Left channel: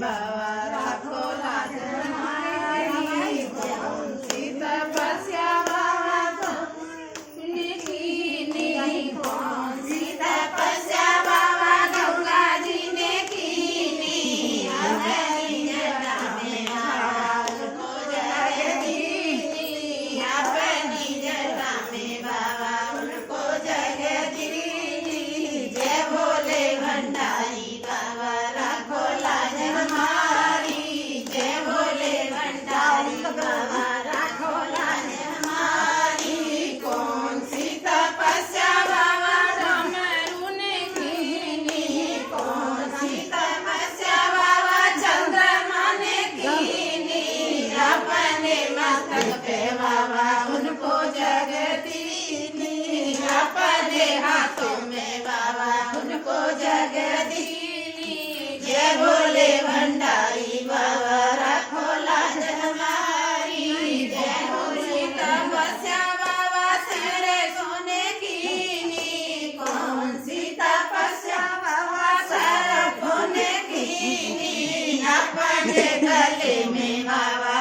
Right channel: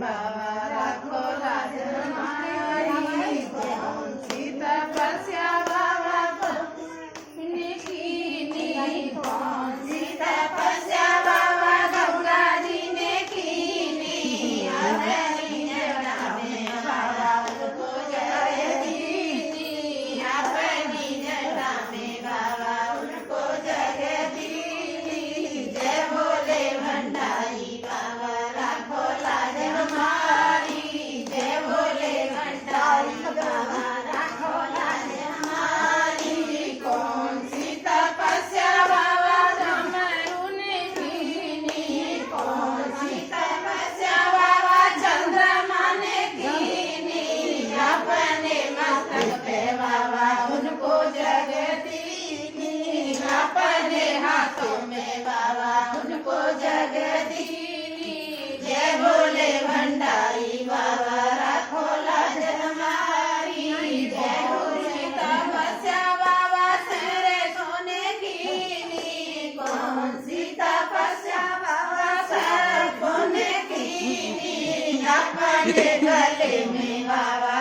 बाबा राखो लाज हमारी कौन सी तपस्या बाबा तुमने कीनी कौन सी तपस्या बाबा गौरा जी ने कीनी अपनी जटा में बाबा उनको जय दीनी अपनी जटा में बाबा उनको जय दीनी जय भोले भंडारी बाबा राखो लाज हमारी जय भोले भंडारी बाबा राखो लाज हमारी कौन सी तपस्या बाबा डमरू ने कीनी कौन सी तपस्या बाबा चंद्रमा ने कीनी अपने मस्तक पे बाबा उनको जगदीनी अपने हाथों में बाबा उनको जगदीनी जय भोले भंडारी बाबा राखो लाज हमारी जय भोले तपस्या बाबा तेरे सोने कीनी कौन सी तपस्या बाबा सर सोने कीनी अपने गले में बाबा